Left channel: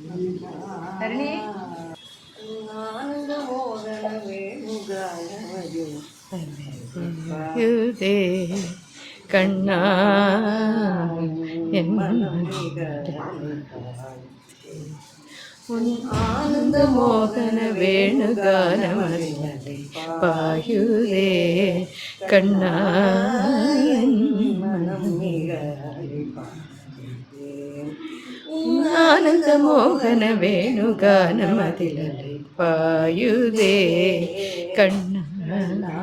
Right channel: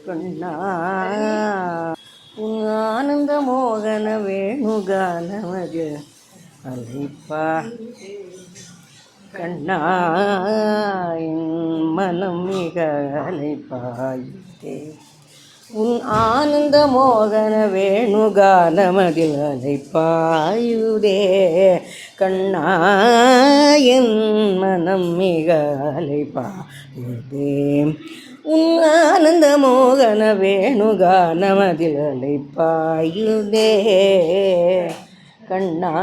கண்ணா ஆனந்த மோகன வேணுகானமது அழைப்பாயுதே கண்ணா என் மனம் மிக அழைப்பாயுதே உன் ஆனந்த மோகன வேணுகானமதில் அழைப்பாயுதே கண்ணா என் மனம் மிக அழைப்பாயுதே உன் ஆனந்த மோகன வேணுகானமதில் அழைப்பாயுதே கண்ணா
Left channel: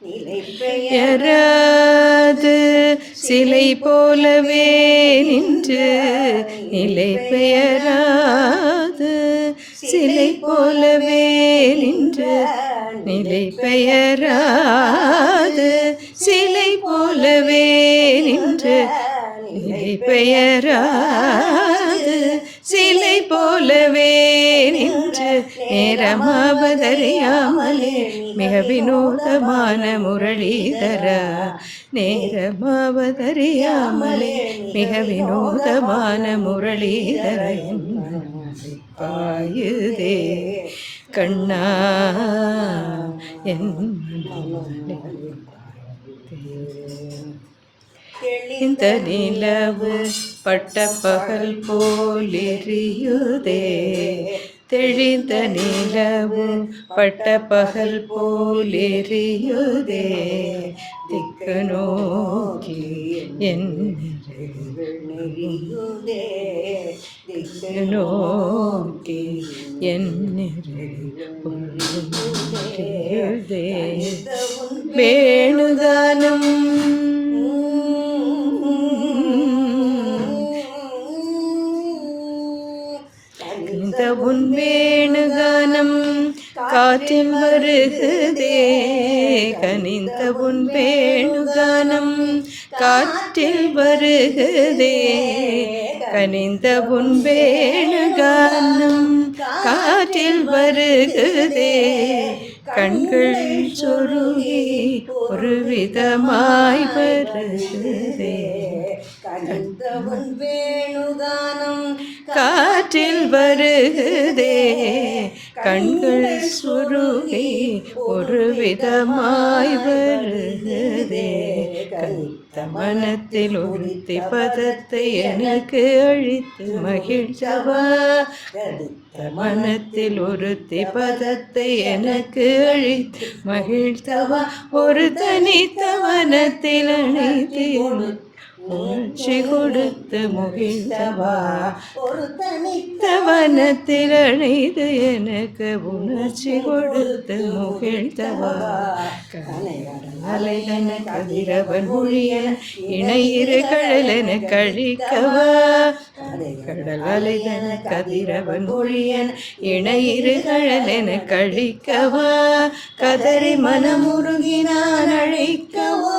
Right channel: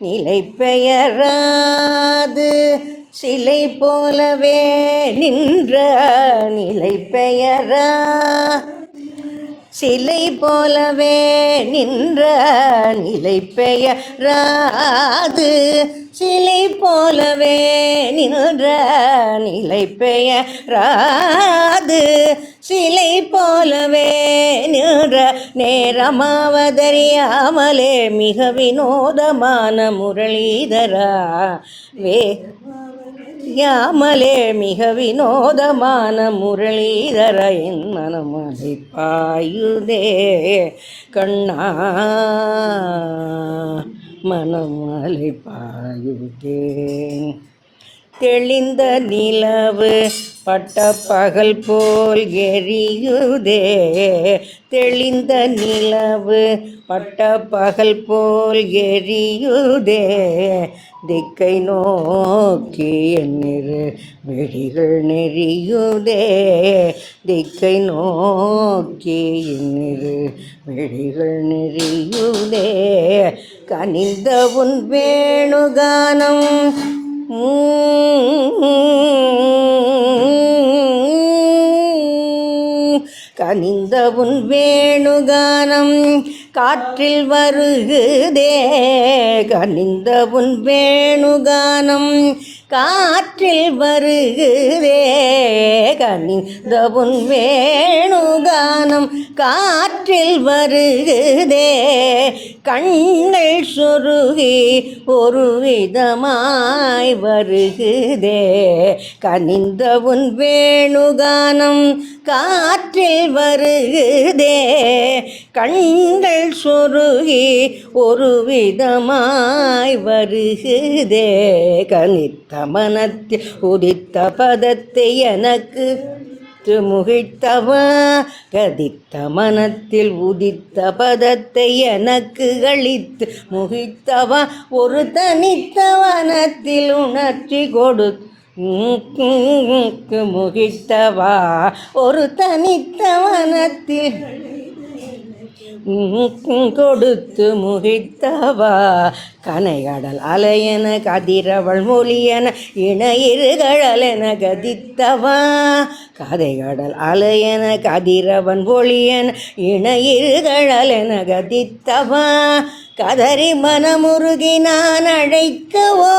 நிலை பெயராது சிலை போலவே நின்ற நிலை பெயராது சிலை போலவே நின்ற நிலை பெயராது சிலை போலவே நின்ற நிலை பெயராது சிலை போலவே நின்ற நேரமாவதறியாமலே மிக வினோதமான முரளிதரா நேரமாவதறியாமலே மிக வினோதமான முரளிதர என் மனம் அழைப்பாயுதே கண்ணா மனம் அழைப்பாயுதே தெளிந்த நிலவு பட்ட பகல் போல் எரியுதே தெளிந்த நிலவு பட்ட பகல் போல் எரியுதே திக்கை நோக்கி என் வெடிகள் நெறியுதே திக்கை நோக்கி என் வெடிகள் நெறியுதே கனிந்த உன் வேணுகானம் கனிந்த உன் வேணுகானம் காற்றில் வருகுதே கனிந்த உன் வேணுகானம் காற்றில் வருகுதே கனிந்த உன் வேணுகானம் காற்றில் வருகுதே கண்ணை சொருகி ஒரு விதமாய் வருகுதே கனிந்த உன் வேணுகானம் காற்றில் வருகுதே கண்ணை சொருகி ஒரு விதமாய் வருகுதே கனித்த மனத்தில் உதித்த பதத்தை எனக்கு அழித்து முகிழ்த்தவா கதித்த மனத்தில் உதித்த பதத்தை எனக்கு அழித்து மகிழ்த்தவா ஒரு தனித்த வனத்தில் உணர்ச்சி கொடுத்து முகிழ்த்தவா ஒரு தனித்தவனத்தில் அழைத்து எனக்கு கொடுத்து முகிழ்த்தவா கனைகடல் அலையன கதிரவள் மொழியன இணையிருகழல் என கடித்தவா கதைகடல் அலையன கதிரவன் ஒளியன இணையிருகழல் என கடித்தவா கதறி மனமுருகி நான் அழைக்கவோ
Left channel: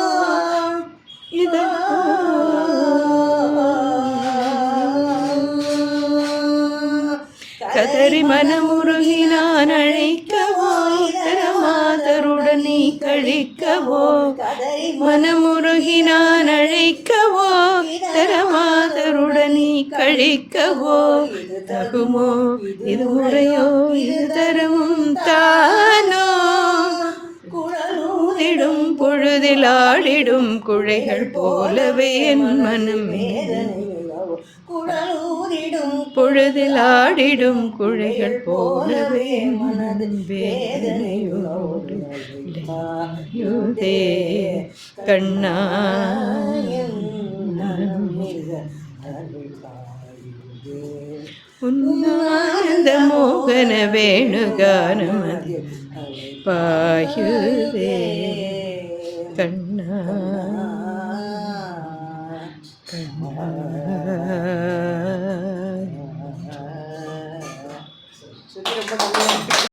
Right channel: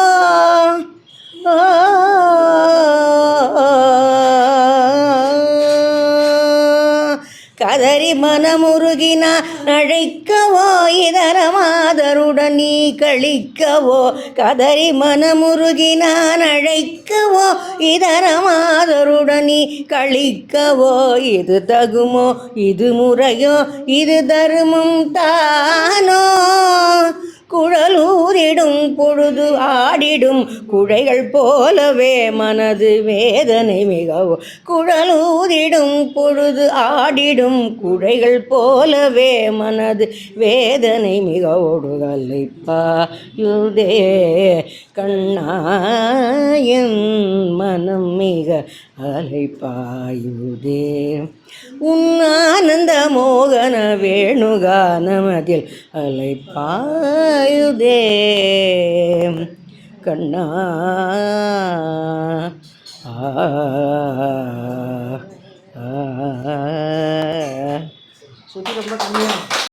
கதறி மனமுருகி நான் அழைக்கவோ இதர மாதருடன் நீ கழிக்கவோ கதறி மனமுருகி நான் அழைக்கவோ இதர மாதருடன் நீ கழிக்கவோ இது தகுமோ இது முறையோ இது தர்மம் தானோ குழலூரிடும் பொழுதில் ஆடிடும் குழைகள் போலவே மனது வேதனை மிகவும் குழலூரிடும் பொழுது ஆடிடும் குழைகள் போலவே மனது வேதனை மிக ஓடுதலை பாயுதே கண்ணாயின் மனம் மிக அலைப்பாயுதே உன் ஆனந்த மோகன வேணுகானமதில் அலைப்பாயுதே கண்ணா சொல்லி ரொம்ப